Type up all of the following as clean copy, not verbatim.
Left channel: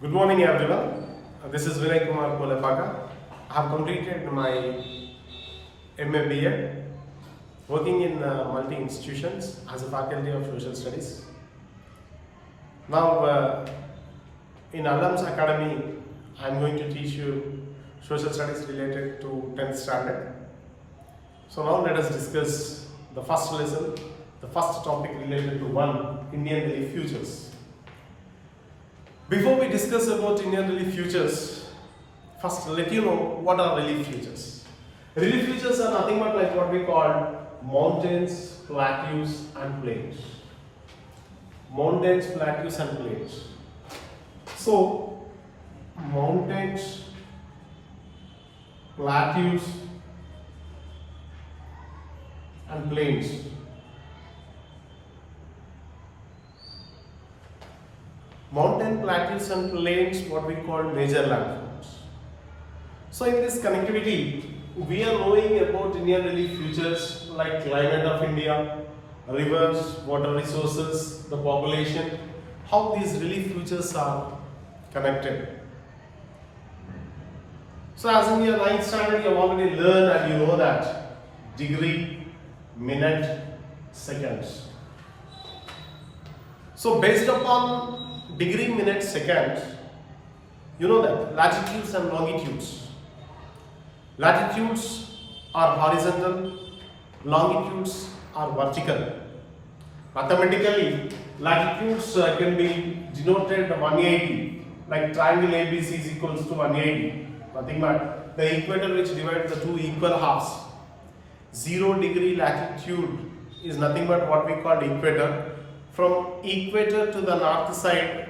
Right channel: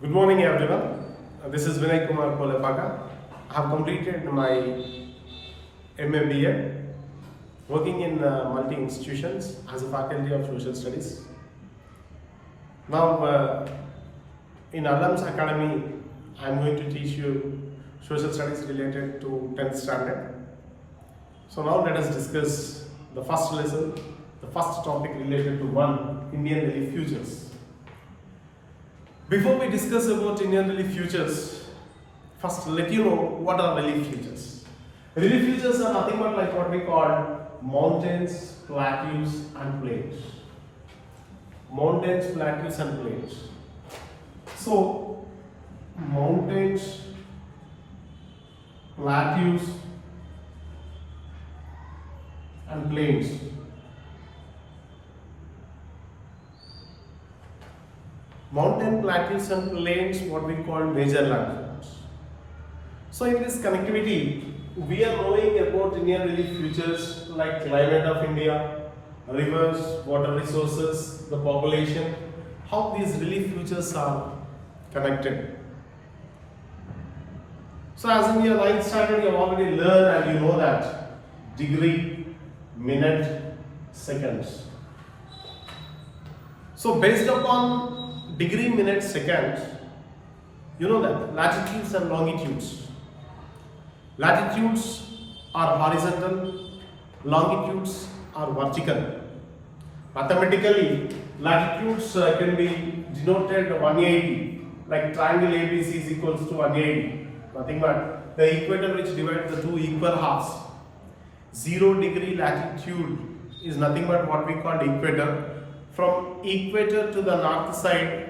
Good morning, everyone. This is Vinay Kumar Kolepaka. I have completed my MA B.Ed, working in multi institutions as a faculty of social studies. Now, in Alam's Academy, I am going to teach you social studies related to 10th standard. So now let us discuss the first lesson, the first topic related to Indian relief futures. Before we discuss about Indian relief futures, first let you know what are relief futures. Relief futures are nothing but like what we call mountains, plateaus and plains. Mountains, plateaus and plains. So, mountains, plateaus and plains. Mountain, plateaus and plains, what we call major landforms. So in this connectivity, we are knowing about Indian relief futures like climate of India, rivers, water resources, the population, how these relief futures are connected. So as in your 9th standard, you have already learned and you know that degree, minute, seconds. So based upon degree, minutes, seconds, you know that latitudes and longitudes. Latitudes are horizontal, longitudes are vertical. Mathematically, latitudes can be denoted 180, like triangle ABC is equals to 180. Nothing but the equator which divides the two equal halves. 0 degree latitude is nothing but what we call equator. From equator to the north side,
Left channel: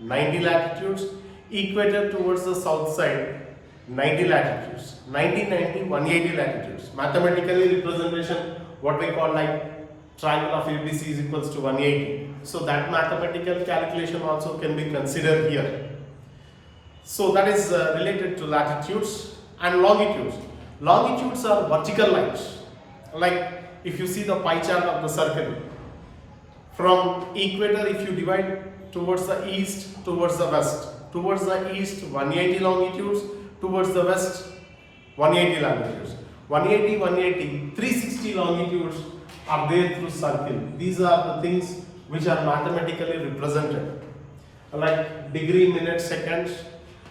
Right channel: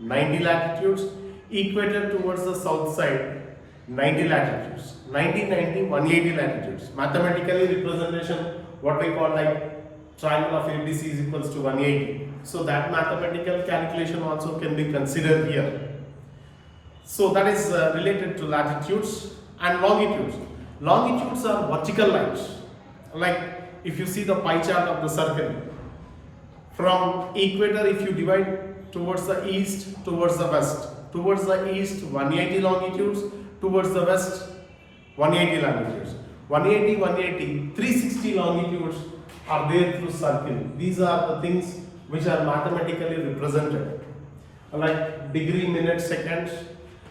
90 latitudes, equator towards the south side, 90 latitudes, 90, 90, 180 latitudes. Mathematically representation, what we call like triangle of ABC is equals to 180. So that mathematical calculation also can be considered here. So that is related to latitudes and longitudes. Longitudes are vertical lines. Like if you see the pie chart of the circle, from equator, if you divide towards the east, towards the west, towards the east 180 longitudes, towards the west 180 longitudes. 180, 180, 360 longitudes are there through circle. These are the things which are mathematically represented, like degree, minute, seconds,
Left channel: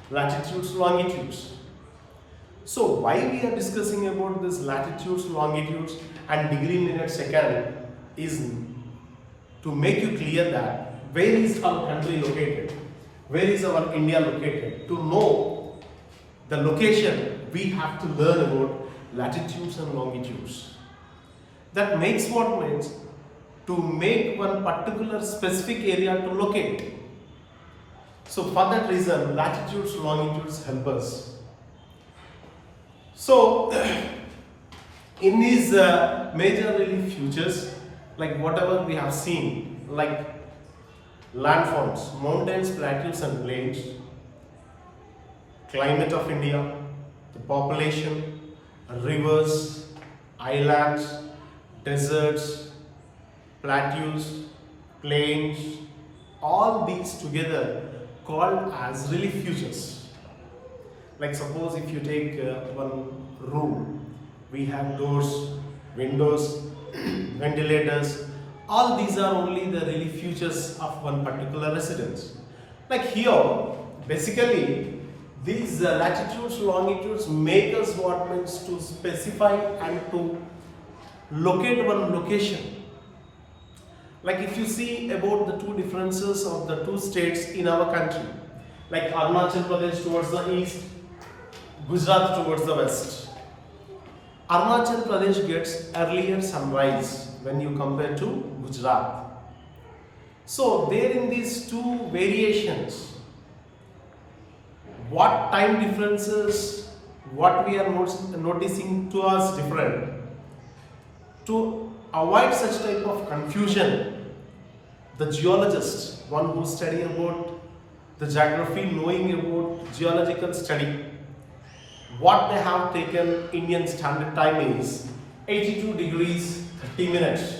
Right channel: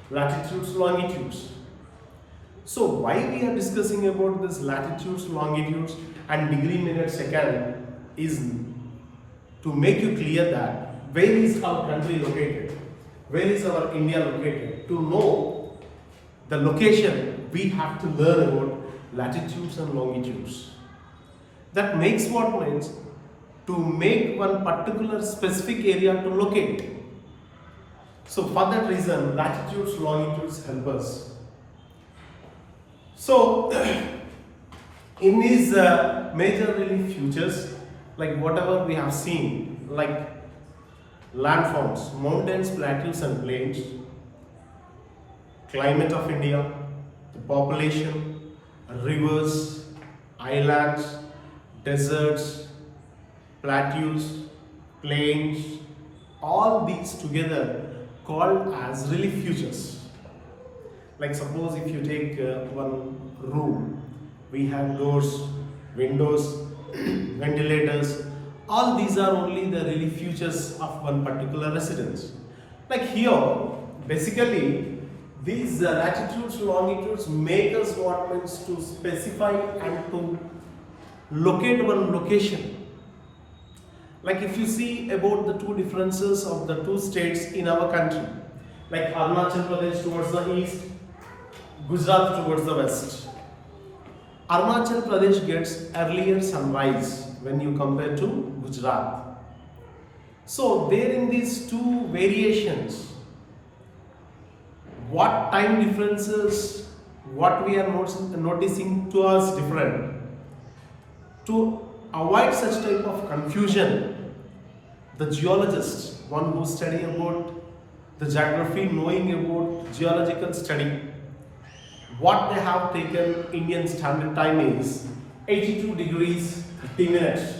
latitudes, longitudes. So why we are discussing about this latitudes, longitudes and degree, minute, second is to make you clear that where is our country located, where is our India located. To know the location, we have to learn about latitudes and longitudes. That makes what means to make one particular specific area to locate. So for that reason, latitudes, longitudes help us. So in these major relief futures, like whatever we have seen, like landforms, mountains, plateaus and plains, climate of India, the population, rivers, islands, deserts, plateaus, plains, all these together called as relief futures. Like suppose if you take one room, we have doors, windows, ventilators, all these are only the relief futures of one particular residence. Like here, basically these latitudes, longitudes make us what means to specify and to locate one location. Like if you see about the two differences of the two states in our country, like Arunachal Pradesh towards the east, Gujarat towards the west. Arunachal Pradesh gets earlier sunrise when you compare to Gujarat. So there in these two variations, what time differences, what we are noticing to us different. To avoid such type of confusion, the geologists, one who study about the geography, knowing about geological study, what they have taken Indian standard time is 82 degrees 30 minutes.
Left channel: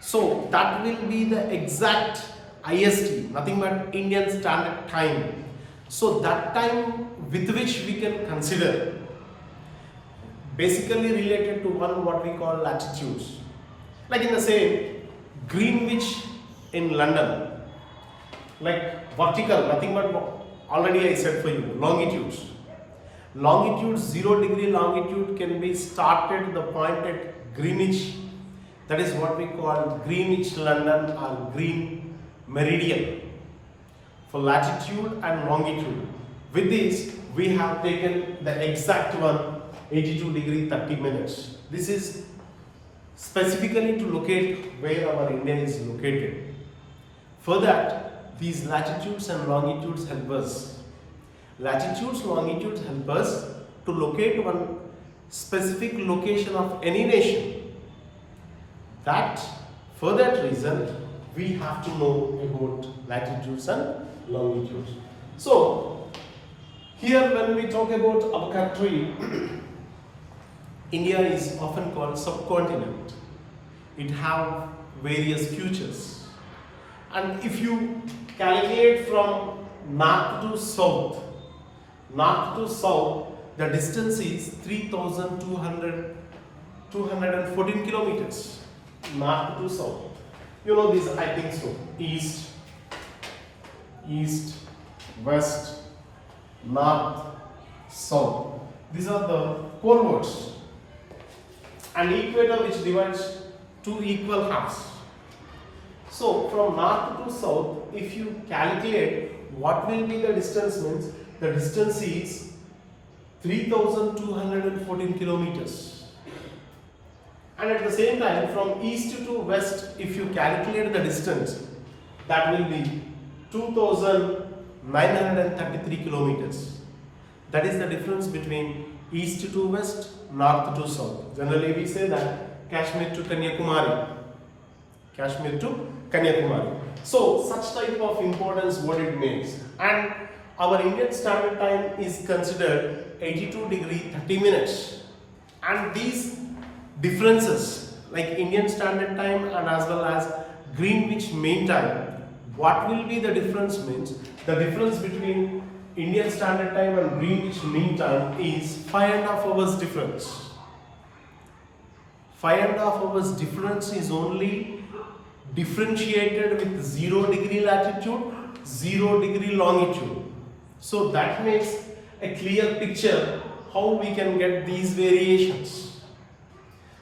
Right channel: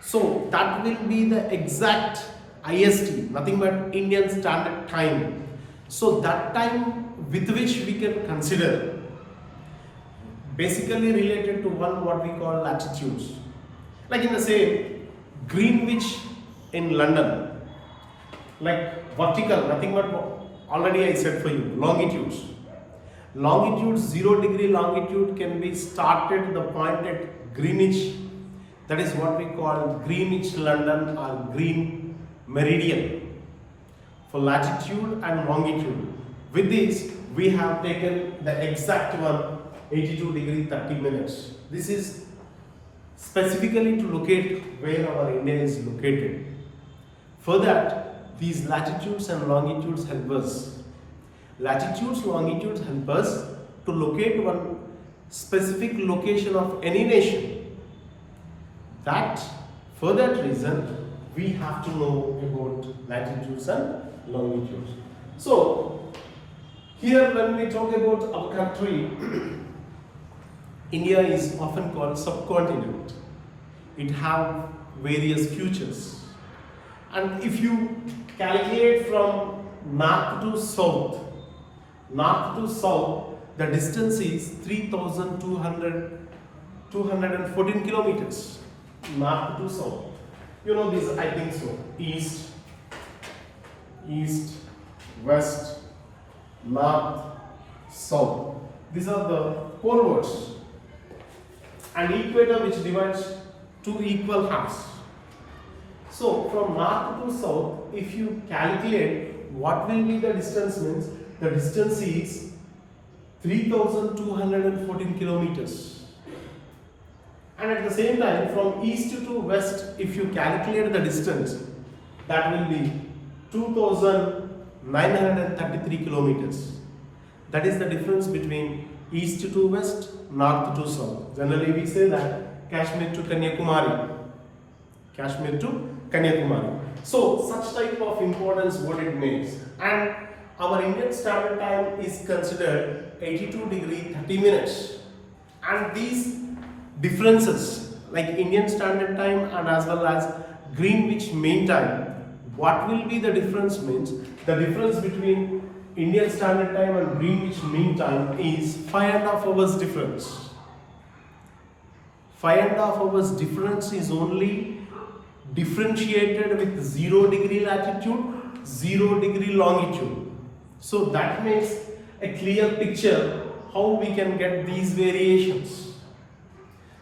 So that will be the exact IST, nothing but Indian Standard Time. So that time with which we can consider basically related to one what we call latitudes. Like in the same Greenwich in London, like vertical, nothing but already I said for you, longitudes. Longitude 0 degree longitude can be started the point at Greenwich, that is what we call Greenwich London or Green Meridian for latitude and longitude. With this we have taken the exact one 82 degree 30 minutes. This is specifically to locate where our India is located. For that these latitudes and longitudes help us. Latitudes, longitudes help us to locate one specific location of any nation. For that reason, we have to know about latitudes and longitudes. So, here when we talk about our country, India is often called subcontinent. It have various features. And if you calculate from north to south, the distance is 3,214 kilometers. North to south. You know this, I think so. East, west, north, south. These are the coordinates. And equator which divides two equal halves. So from north to south, if you calculate what will be the distance means, the distance is 3,214 kilometers. And at the same time, from east to west, if you calculate the distance, that will be 2,933 kilometers. That is the difference between east to west, north to south. Generally, we say that Kashmir to Kanyakumari. So, such type of importance what it makes. And our Indian Standard Time is considered 82 degree 30 minutes. And these differences like Indian Standard Time and as well as Greenwich Mean Time, what will be the difference means? The difference between Indian Standard Time and Greenwich Mean Time is 5.5 hours difference. 5.5 hours difference is only differentiated with 0 degree latitude, 0 degree longitude. So that makes a clear picture how we can get these variations.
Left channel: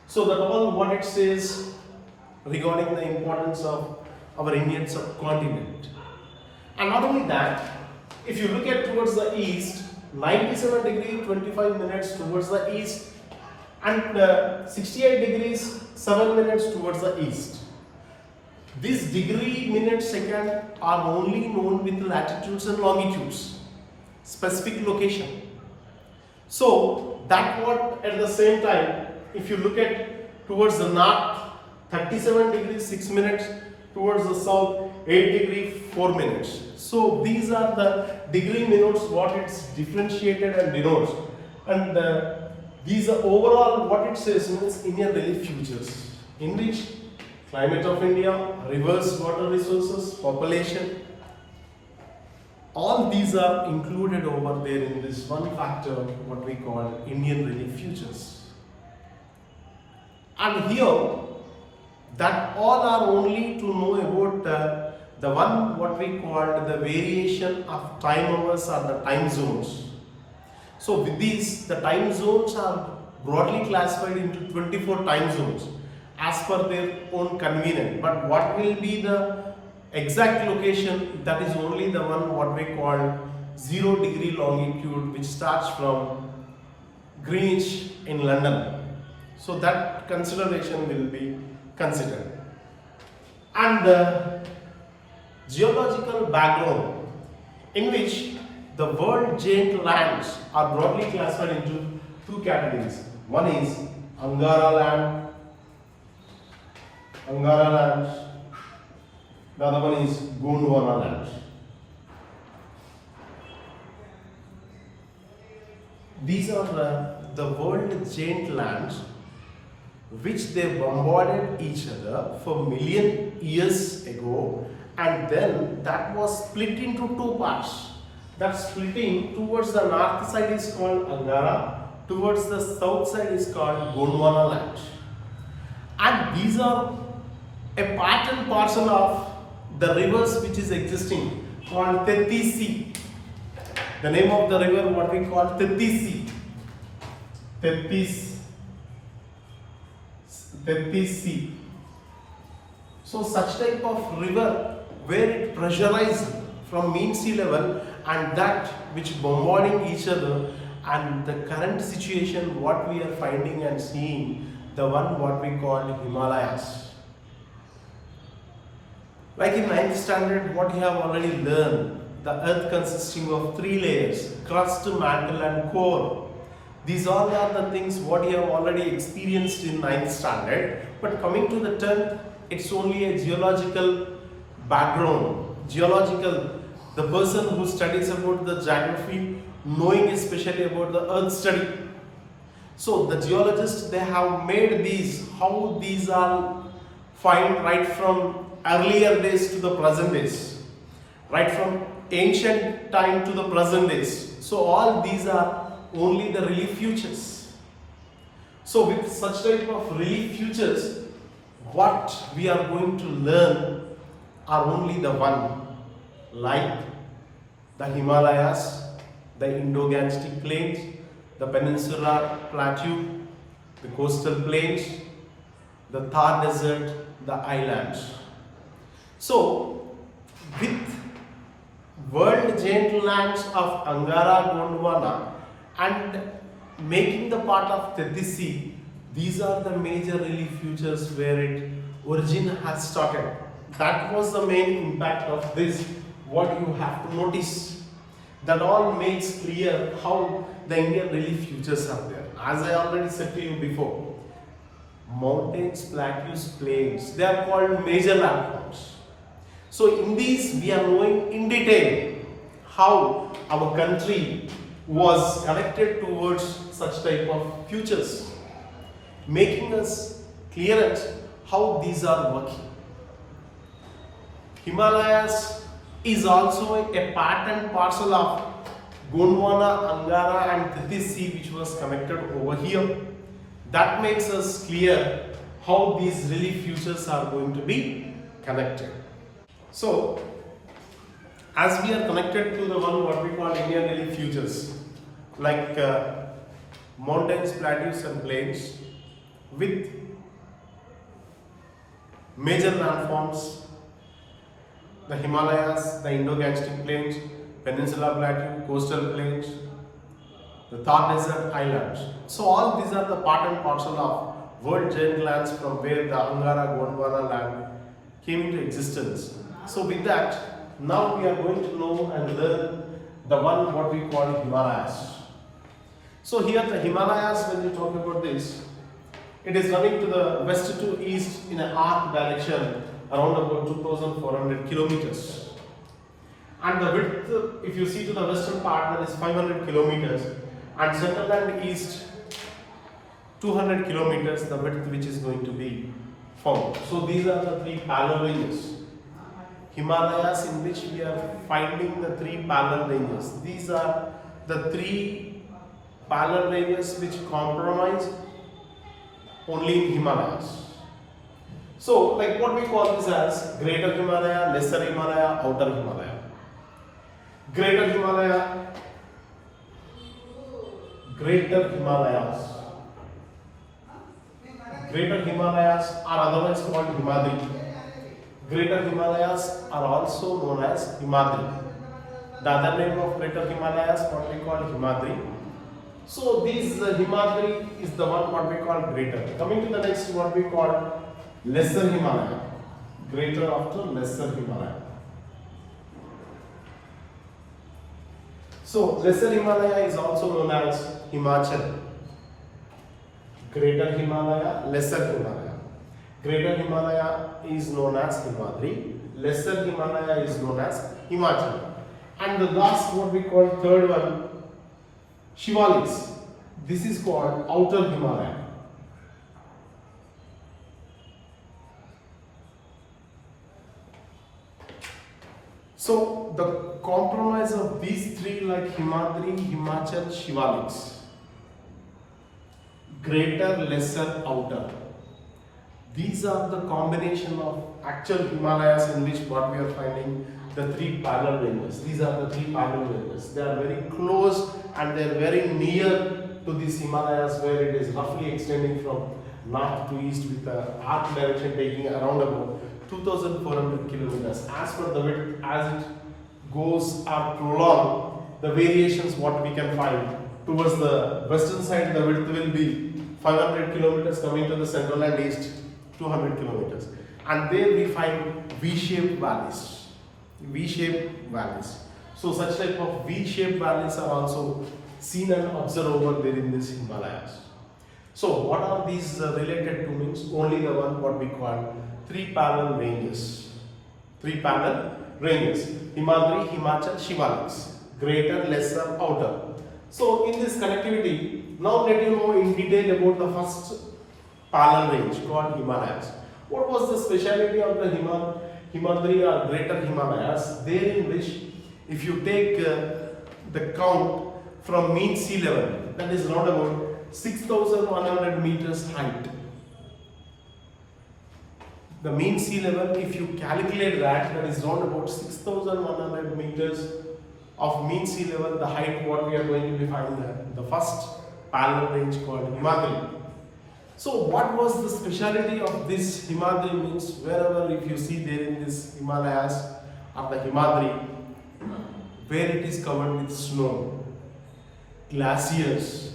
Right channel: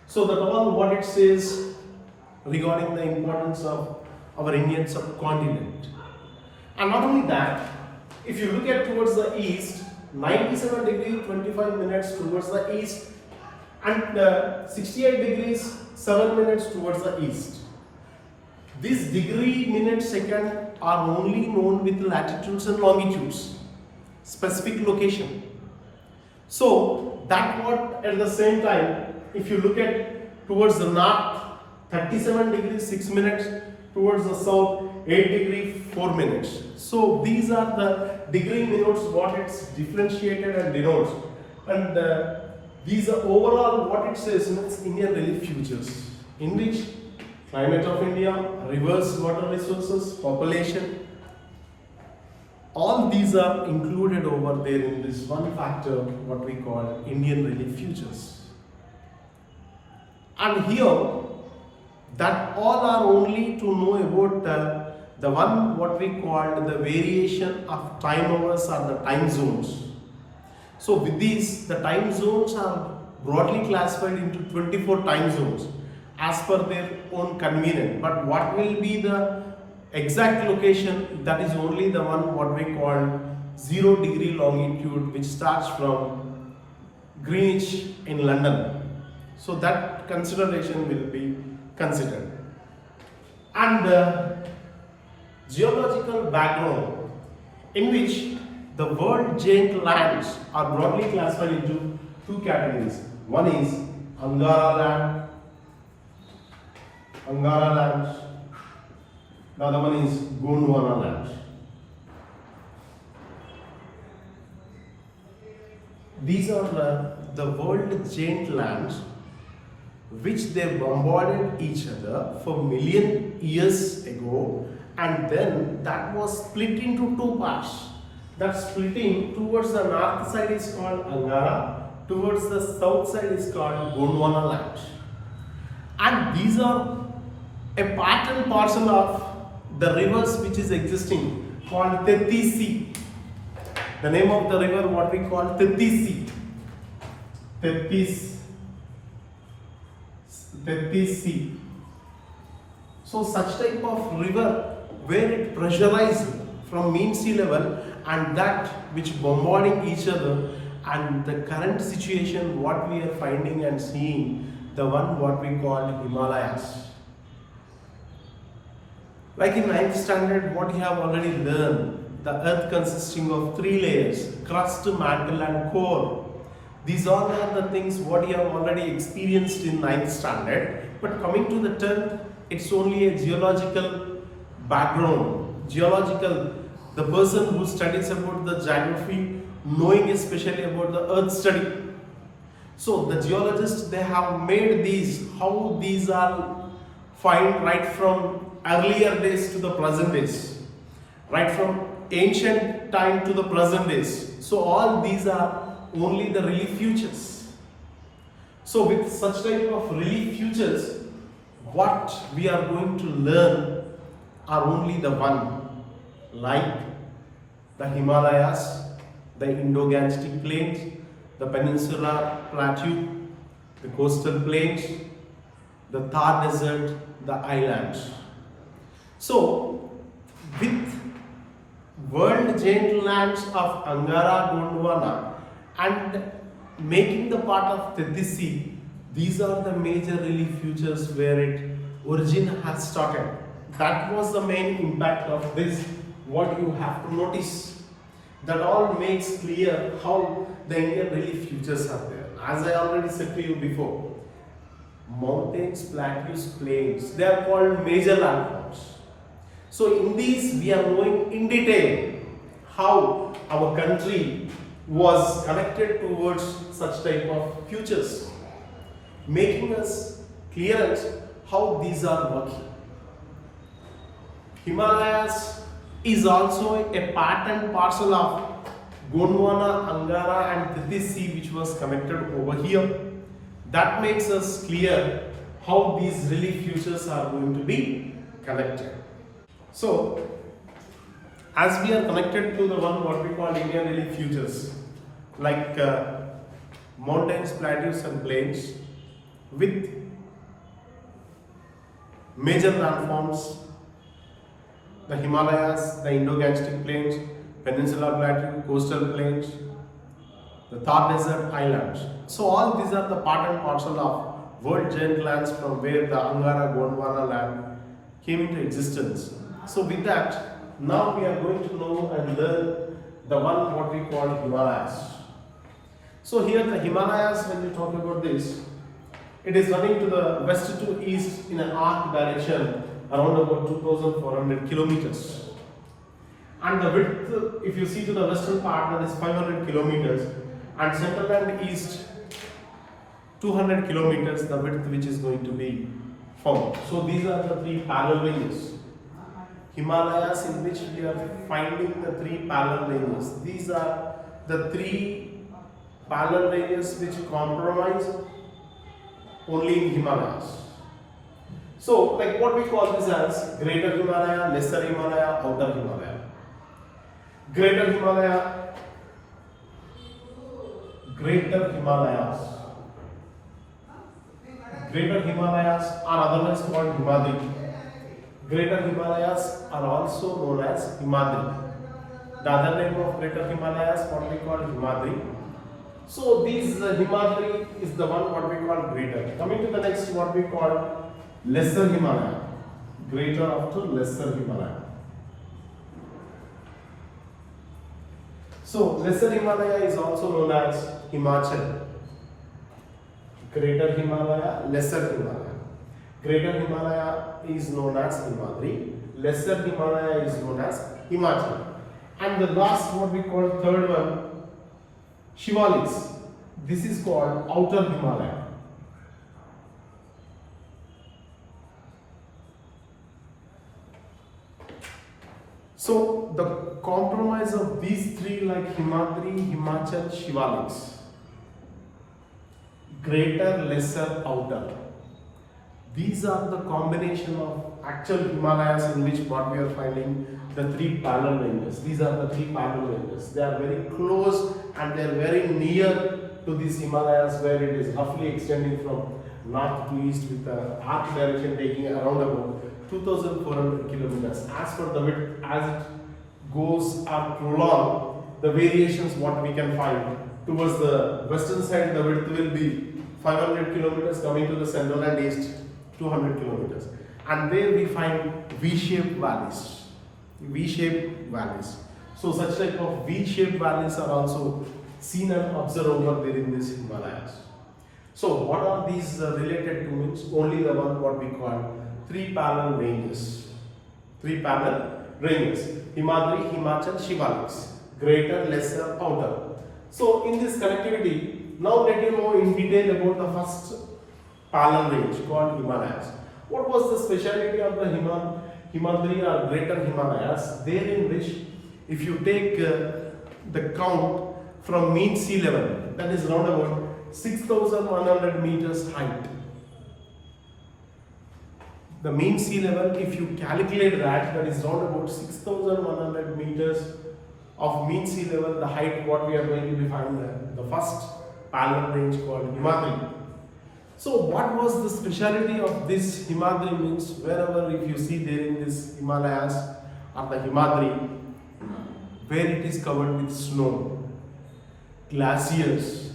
So that all what it says regarding the importance of our Indian subcontinent. And not only that, if you look at towards the east, 97 degree 25 minutes towards the east and 68 degrees 7 minutes towards the east. These degree, minute, second are only known with latitudes and longitudes, specific location. So that what at the same time, if you look at towards the north, 37 degrees 6 minutes, towards the south, 8 degree 4 minutes. So these are the degree minutes what it's differentiated and denotes. And these are overall what it says means Indian relief features, in which climate of India, rivers, water resources, population, all these are included over there in this one factor what we call Indian relief features. And here that all are only to know about the one what we called the variation of time hours or the time zones. So with these, the time zones are broadly classified into 24 time zones as per their own convenience. But what will be the exact location, that is only the one what we call 0 degree longitude, which starts from Greenwich in London. So that consideration will be considered. And geological background, in which the world giant lands are broadly classified into two categories. One is Angara land, the other one is Gondwana land. These are the world giant lands which they bombarded each other for million years ago, and then that was split into two parts. That splitting towards the north side is called Angara, towards the south side is called Gondwana land. And these are a part and parcel of the rivers which is existing called Tethisi. The name of the river what we call Tethisi. Tethisi. So such type of river where it pressurized from mean sea level and that which bombarding each other, and the current situation what we are finding and seeing, the one what we call Himalayas. Like in 9th standard what you have already learned, the earth consisting of three layers, crust, mantle and core. These all are the things what you have already experienced in 9th standard, but coming to the 10th, it's only a geological background. Geological, the person who studies about the geography, knowing especially about the earth study. So the geologists, they have made these, how these are found right from earlier days to the present days, right from ancient time to the present days. So all these are only the relief features. So with such type of relief features, what we are going to learn are only the one, like the Himalayas, the Indo-Gangetic plains, the peninsular plateau, the coastal plains, the Thar desert, the islands. So with world giant lands of Angara, Gondwana and making the part of Tethisi, these are the major relief features where its origin has started. That was the main impact of this, what you have to notice. That all makes clear how the Indian relief features are there. As I already said to you before, mountains, plateaus, plains, they are called major landforms. So in these we are knowing in detail how our country was connected towards such type of features, making us clearance how these are working. Himalayas is also a part and parcel of Gondwana, Angara and Tethisi which was connected over here. That makes us clear how these relief features are going to be connected. So, as we are connected to the one what we call Indian relief features, like mountains, plateaus and plains with major landforms, the Himalayas, the Indo-Gangetic plains, Peninsula Plateau, coastal plains, the Thar Desert islands. So all these are the part and parcel of world giant lands from where the Angara Gondwana land came into existence. So with that, now we are going to know and learn the one what we call Himalayas. So here the Himalayas, when you talk about this, it is running to the west to east in an arc direction around about 2,400 kilometers. And the width, if you see to the western part, that is 500 kilometers, and central and east 200 kilometers, the width which is going to be found. So these are the three parallel ranges. Himalayas, in which we are finding the three parallel ranges. These are the three parallel ranges which comprise only in Himalayas. So, like what we call this as Greater Himalaya, Lesser Himalaya, Outer Himalaya. Greater Himalaya, Greater Himalayas. Greater Himalayas are otherwise called Himadri. Greater Himalayas are also known as Himadri. The other name of Greater Himalayas what we call Himadri. So these Himadri is the one what we call greater. Coming to the next what we call Lesser Himalaya. Greater up to Lesser Himalaya. So Lesser Himalaya is also known as Himachal. Greater Himalaya, Lesser Himalaya. Greater Himalaya is known as Himadri. Lesser Himalaya is known as Himachal. And the last what we call third one, Shivalis. This is called Outer Himalaya. So the compromise of these three, like Himadri, Himachal, Shivaliks, greater, lesser, outer. These are the combination of actual Himalayas in which what we are finding the three parallel ranges. These are the three parallel ranges. They are very close and they are very near to these Himalayas, where it is roughly extending from north to east with the arc direction taking around about 2,400 kilometers. As per the width, as it goes up prolonged, the variations what we can find towards the western side, the width will be 500 kilometers, coming to the central and east 200 kilometers, and there we find V-shaped valleys. V-shaped valleys. So such type of V-shaped valleys are also seen and observed over there in this Himalayas. So what are these related to? Means only the one what we call three parallel ranges. Three parallel ranges: Himadri, Himachal, Shivaliks, greater, lesser, outer. So in this connectivity, now let you know in detail about the first parallel range called Himalayas. What was the speciality of the Himadri or greater Himalayas? There in which, if you take the count from mean sea level, that is around about 6,100 meters height. The mean sea level, if you calculate that, that is around about 6,100 meters of mean sea level, the height what we are going to define there. The first parallel range called Himadri. So what was the speciality of this Himadri? Means wherever if you see there in this Himalayas or the Himadri, where it is covered with snow, glaciers,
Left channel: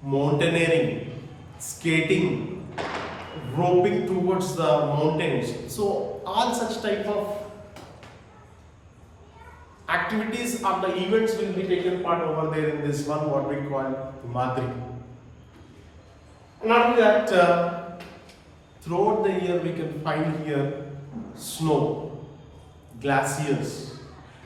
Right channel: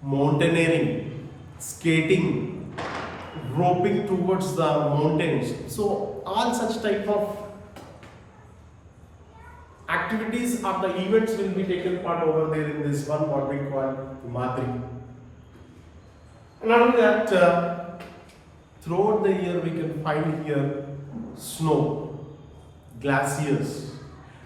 mountaineering, skating, roping towards the mountains. So all such type of activities or the events will be taken part over there in this one what we call Himadri. Not only that, throughout the year we can find here snow, glaciers,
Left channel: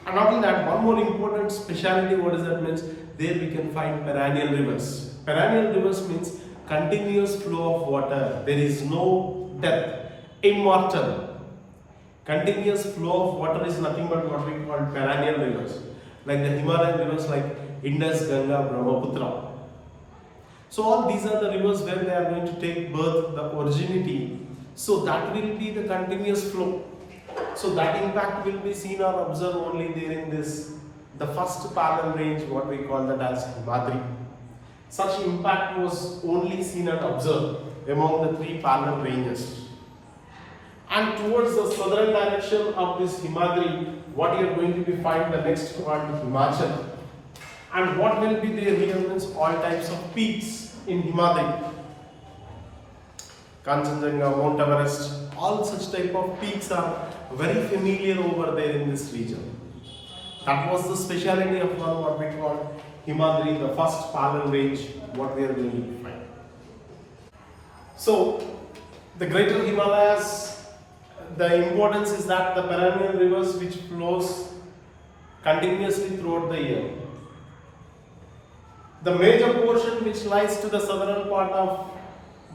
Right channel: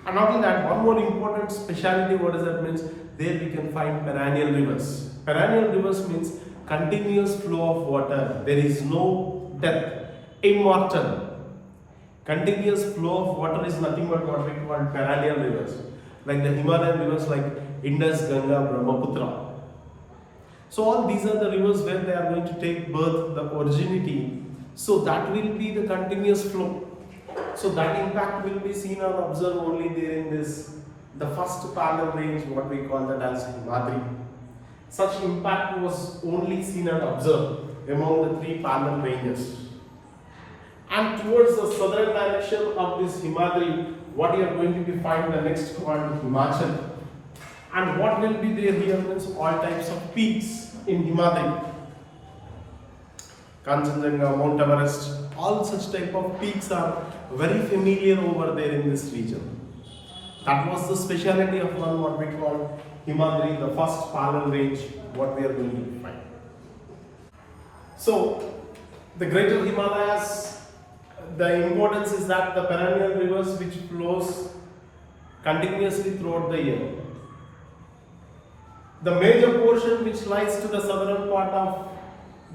and not only that, one more important speciality, what does that means? There we can find perennial rivers. Perennial rivers means continuous flow of water. There is no death, immortal. Continuous flow of water is nothing but what we call perennial rivers, like the Himalayan rivers like Indus, Ganga, Brahmaputra. So all these are the rivers where they are going to take birth, the originity. So that will be the continuous flow. So that impact will be seen or observed only there in this, the first parallel range, what we call that as Himadri. Such impact was only seen and observed among the three parallel ranges. And towards the southern direction of this Himadri, what you are going to be find the next one, Himachal. And what will be there here means all types of peaks in Himadri. Kanchenjunga, Mount Everest, all such type of peaks are very familiar over there in this region. That was the speciality of one what we call Himadri, the first parallel range, what we are going to find. So, the greater Himalayas, the importance is that the perennial rivers which flows continuously throughout the year. The major portion which lies to the southern part of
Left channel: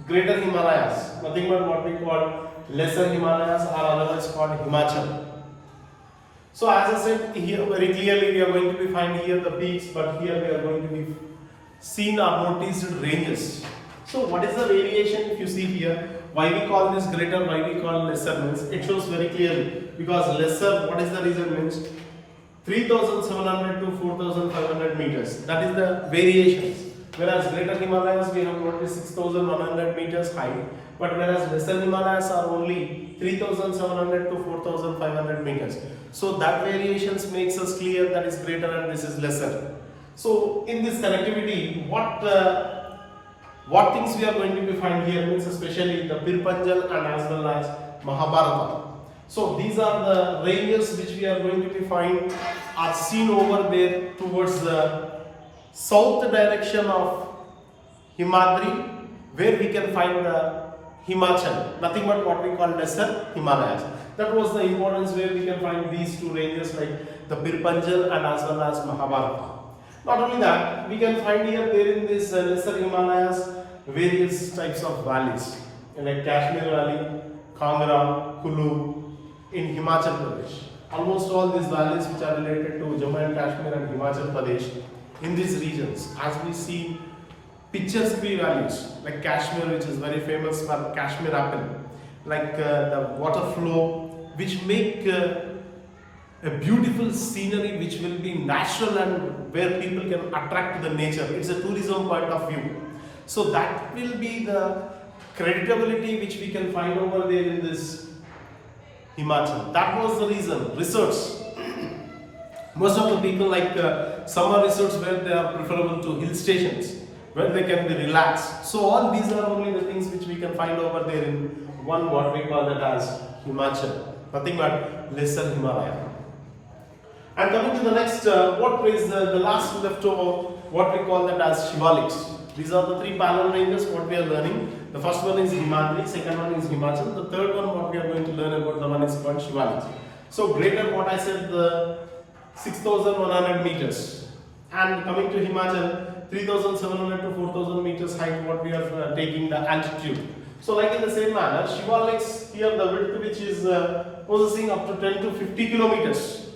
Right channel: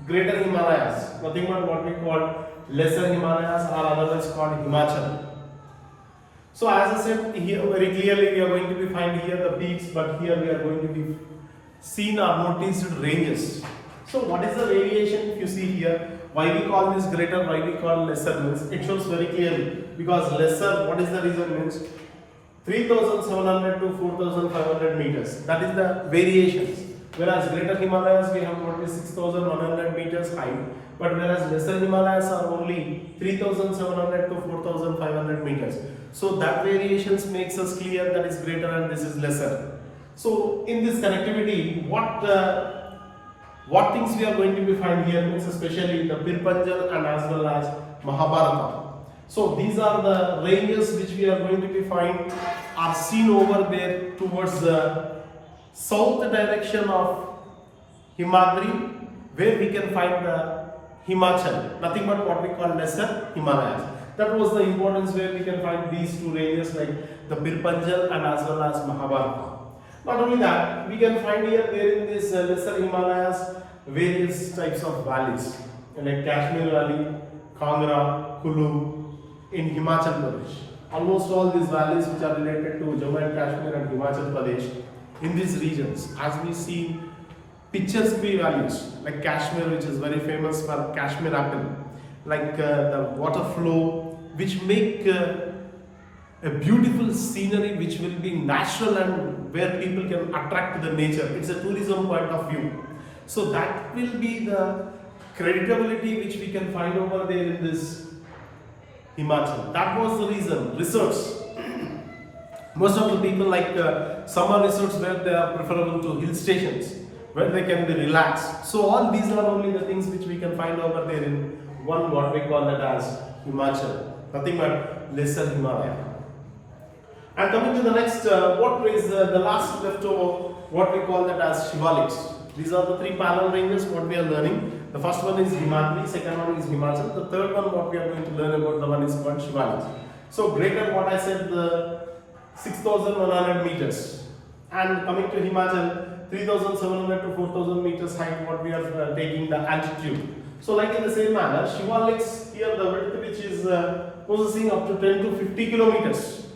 greater Himalayas, nothing but what we call lesser Himalayas or otherwise called Himachal. So as I said here very clearly we are going to be find here the peaks, but here we are going to be seen or noticed ranges. So what is the variation if you see here? Why we call this greater, why we call lesser means it shows very clearly, because lesser, what is the reason means 3,700 to 4,500 meters. That is the variations. Whereas greater Himalayas we have noticed 6,100 meters high, but whereas lesser Himalayas are only 3,700 to 4,500 meters. So that variations makes us clear that is greater and this is lesser. So in this connectivity, what things we are going to be find here means especially the Pirpanjal and as well as Mahabharata. So these are the ranges which we are going to be find are seen over there towards the south direction of Himadri, where we can find the Himachal, nothing but what we call lesser Himalayas. That was the importance where we can find these two ranges like the Pirpanjal and as well as Mahabharata. Not only that, we can find here there in this lesser Himalayas various types of valleys like Kashmir Valley, Kangra, Kulu in Himachal Pradesh. almost all these valleys which are related to Jammu and Kashmir and Himachal Pradesh. In these regions, as we see picturesque valleys like Kashmir, which is very famous for Kashmir apple, like the water flow, which make a beautiful scenery which will be natural and where people can attract to the nature. It's a tourism point of view. So that will be the creditability which we can find over there in this Himachal. That was the reason. Resorts. Most of the people like summer resorts where they are preferable to hill stations, where they can be relaxed. So all these are only the things which we can find over there in one, what we call that as Himachal. Nothing but lesser Himalaya. And coming to the next, what is the last leftover, what we call that as Shivaliks. These are the three parallel ranges what we are learning. The first one is Himadri, second one is Himachal. The third one what we are going to learn about, the one is called Shivaliks. So greater what I said, the 6,100 meters. And coming to Himachal, 3,700 to 4,000 meters height what we are taking the altitude. So like in the same manner, Shivaliks here the width which is possessing up to 10 to 50 kilometers.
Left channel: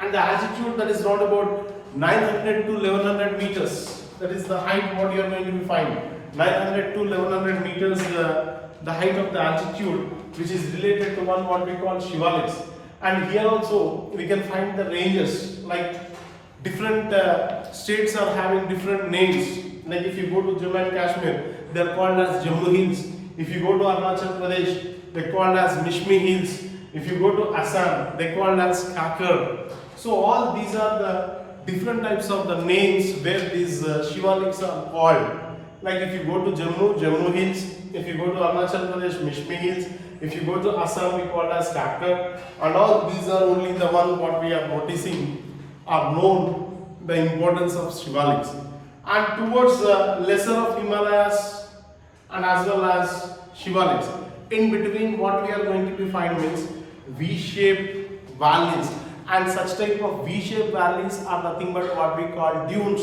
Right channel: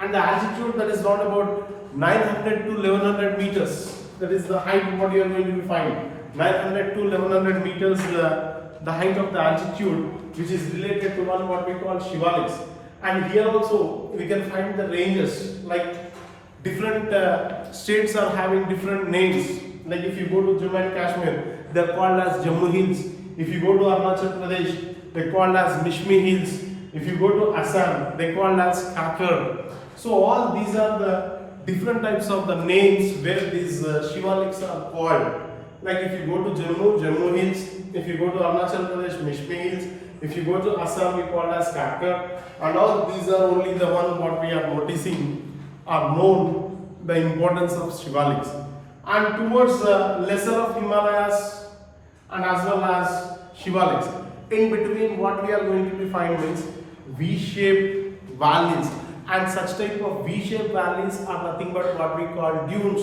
And the altitude that is around about 900 to 1100 meters. That is the height what you are going to find. 900 to 1100 meters the height of the altitude which is related to one what we call Shivaliks. And here also we can find the ranges, like different states are having different names. Like if you go to Jammu and Kashmir, they are called as Jammu Hills. If you go to Arunachal Pradesh, they are called as Mishmi Hills. If you go to Assam, they are called as Kakar. So all these are the different types of the names where these Shivaliks are called. Like if you go to Jammu, Jammu Hills. If you go to Arunachal Pradesh, Mishmi Hills. If you go to Assam, we call as Kakar. And all these are only the one what we are noticing are known the importance of Shivaliks. And towards the lesser of Himalayas and as well as Shivaliks, in between what we are going to be find means V-shaped valleys. And such type of V-shaped valleys are nothing but what we call dunes.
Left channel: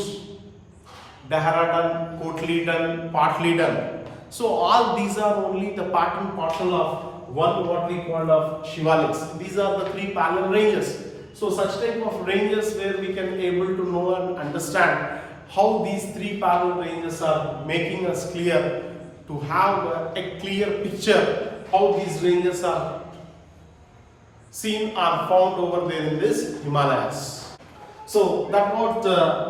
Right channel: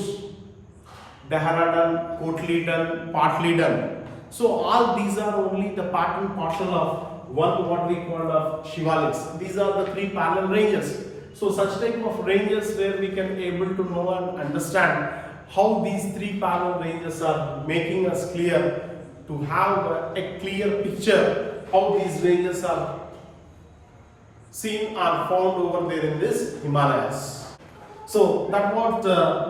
Dehradun, Kotli, partly done. So all these are only the part and parcel of one what we call of Shivaliks. These are the three parallel ranges. So such type of ranges where we can able to know and understand how these three parallel ranges are making us clear to have a clear picture how these ranges are seen are found over there in this Himalayas. So that's what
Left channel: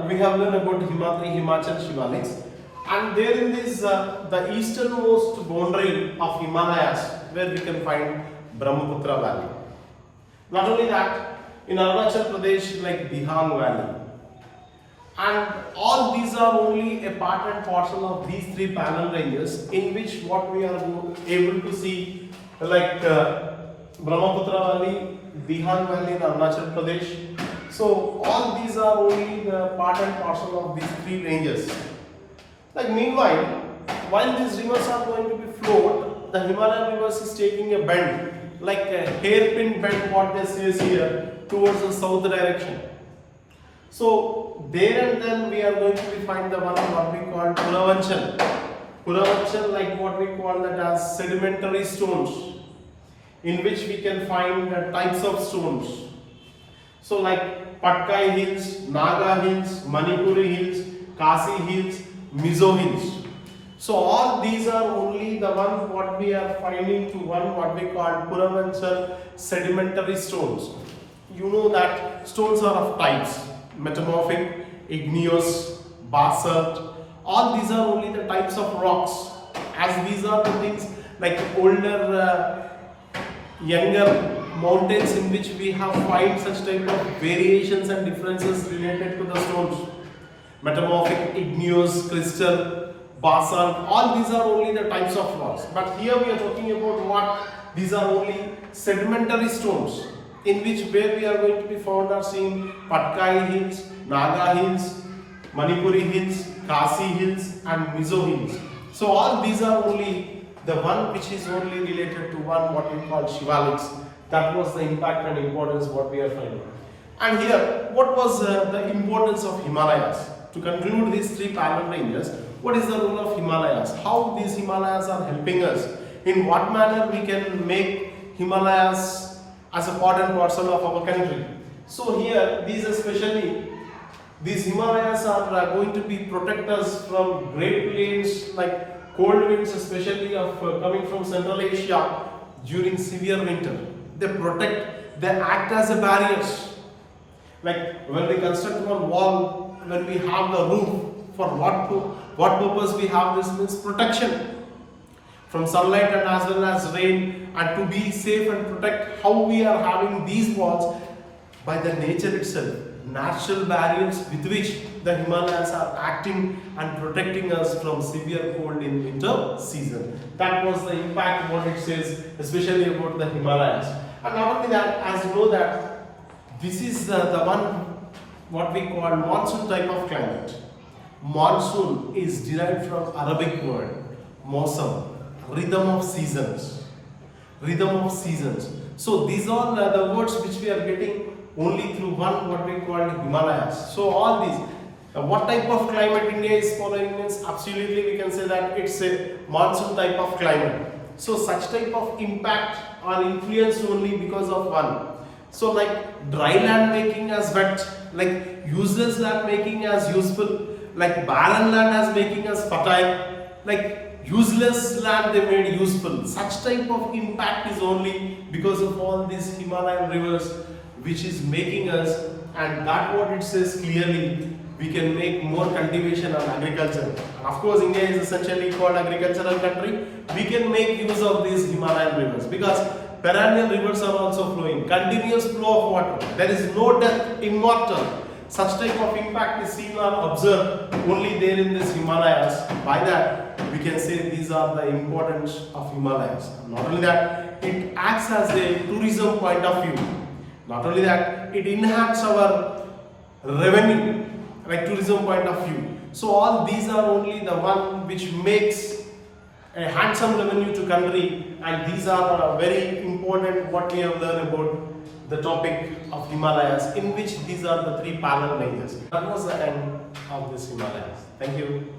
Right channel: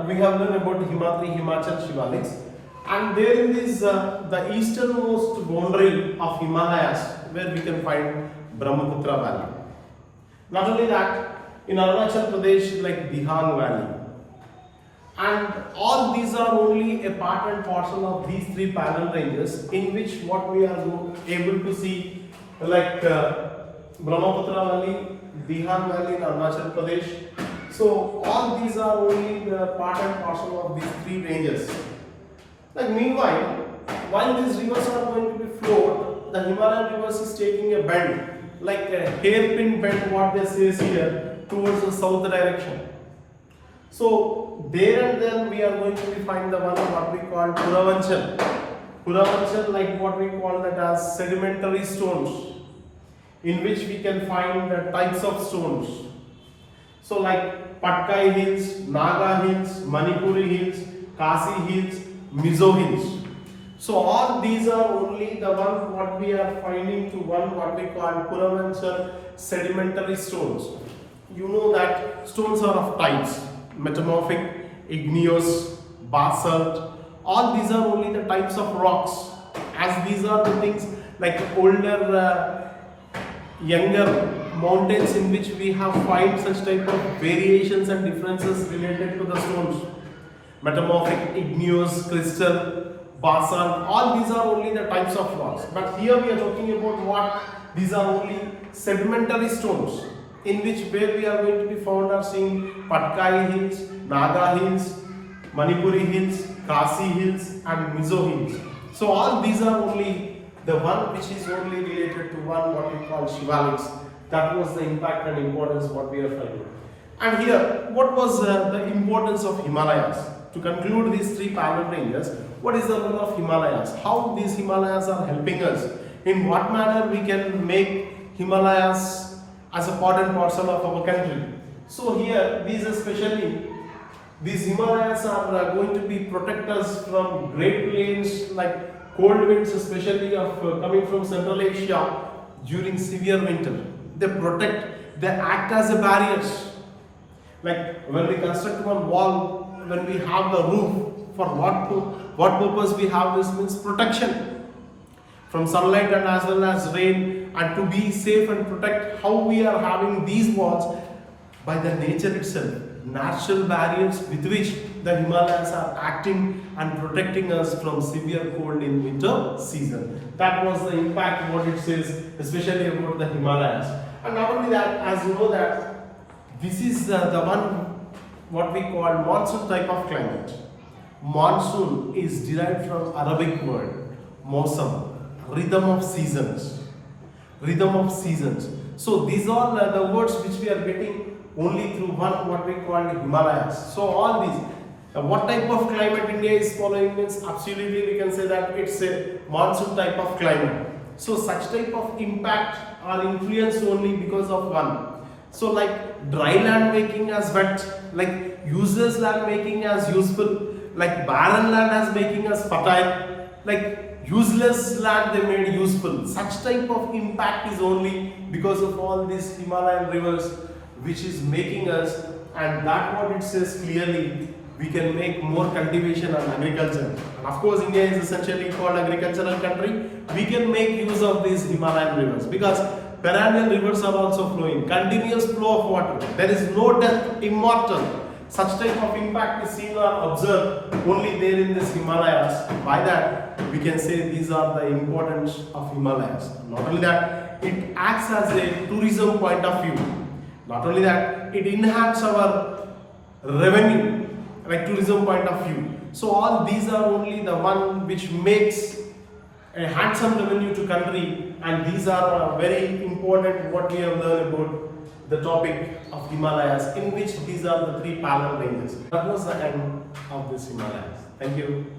we have learned about Himadri, Himachal, Shivaliks. And there in this the easternmost boundary of Himalayas where we can find Brahmaputra Valley. Not only that, in Arunachal Pradesh like Dihang Valley. And all these are only a part and parcel of these three parallel ranges in which what we are able to see like Brahmaputra Valley, Dihang Valley in Arunachal Pradesh. So all these are only the part and parcel of these three ranges. Like meanwhile, while these rivers are going to be flowed, the Himalayan rivers is taking a bend, like a hairpin bend what they say here towards the south direction. So there and then we are going to be find the one what we call Puravanchal. Puravanchal like what we call that as sedimentary stones, in which we can find the types of stones. So like Patkai Hills, Naga Hills, Manipuri Hills, Kasi Hills, Mizo Hills. So all these are only the one what we are finding to one what we call Puravanchal sedimentary stones. You know that stones are of types, metamorphic, igneous, basalt. All these are only the types of rocks, as these are the things like older, younger mountains in which we have find such type of variations and differences related to the stones. Metamorphic, igneous, crystal, basalt, all these are only the types of rocks. But here we are talking about what? These are only sedimentary stones, in which where we are going to be found are seeing Patkai Hills, Naga Hills, Manipuri Hills, Kasi Hills and Mizo Hills. So all these are only the one which is only related to one what we call Shivaliks. That was the impact and importance what we are finding. And here, what was the importance of Himalayas? To conclude these three parallel ranges, what is the role of Himalayas? How these Himalayas are helping us? In what manner we can make Himalayas as a part and parcel of our country. So here, these Himalayas are going to be protect us from great plains like cold winds, especially of coming from Central Asia during severe winter. They act as a barriers. Like when we construct one wall, when we have the roof, for what purpose we have this means protection from sunlight and as well as rain, and to be safe and protect how we are having these walls by the nature itself, natural barriers with which the Himalayas are acting and protecting us from severe cold in winter season. That was the impact what it says, especially about the Himalayas. And not only that, as you know that this is the one what we call monsoon type of climate. Monsoon is derived from Arabic word mosam, rhythm of seasons. Rhythm of seasons. So these all are the words which we are getting only through one what we call Himalayas. So all these, what type of climate India is following means absolutely we can say that it's a monsoon type of climate. So such type of impact or influence only because of one. So like dry land making as wet, like useless land making as useful, like barren land as making us fertile, like useless land they made useful. Such type of impact is only because of all these Himalayan rivers which is making us, and that what it says clearly, we can make more cultivation and agriculture. And of course India is essentially called agricultural country. We can make use of these Himalayan rivers because perennial rivers are also flowing, continuous flow of water. There is no death, immortal. Such type of impact is seen or observed only there in this Himalayas. By that, we can say these are the importance of Himalayas. Not only that, it acts as a tourism point of view. Not only that, it enhances our revenue, like tourism point of view. So all these are only the one which makes a handsome revenue to country, and these are very important what we have learned about the topic of Himalayas, in which these are the three parallel ranges. That was the end of this Himalayas. Thank you.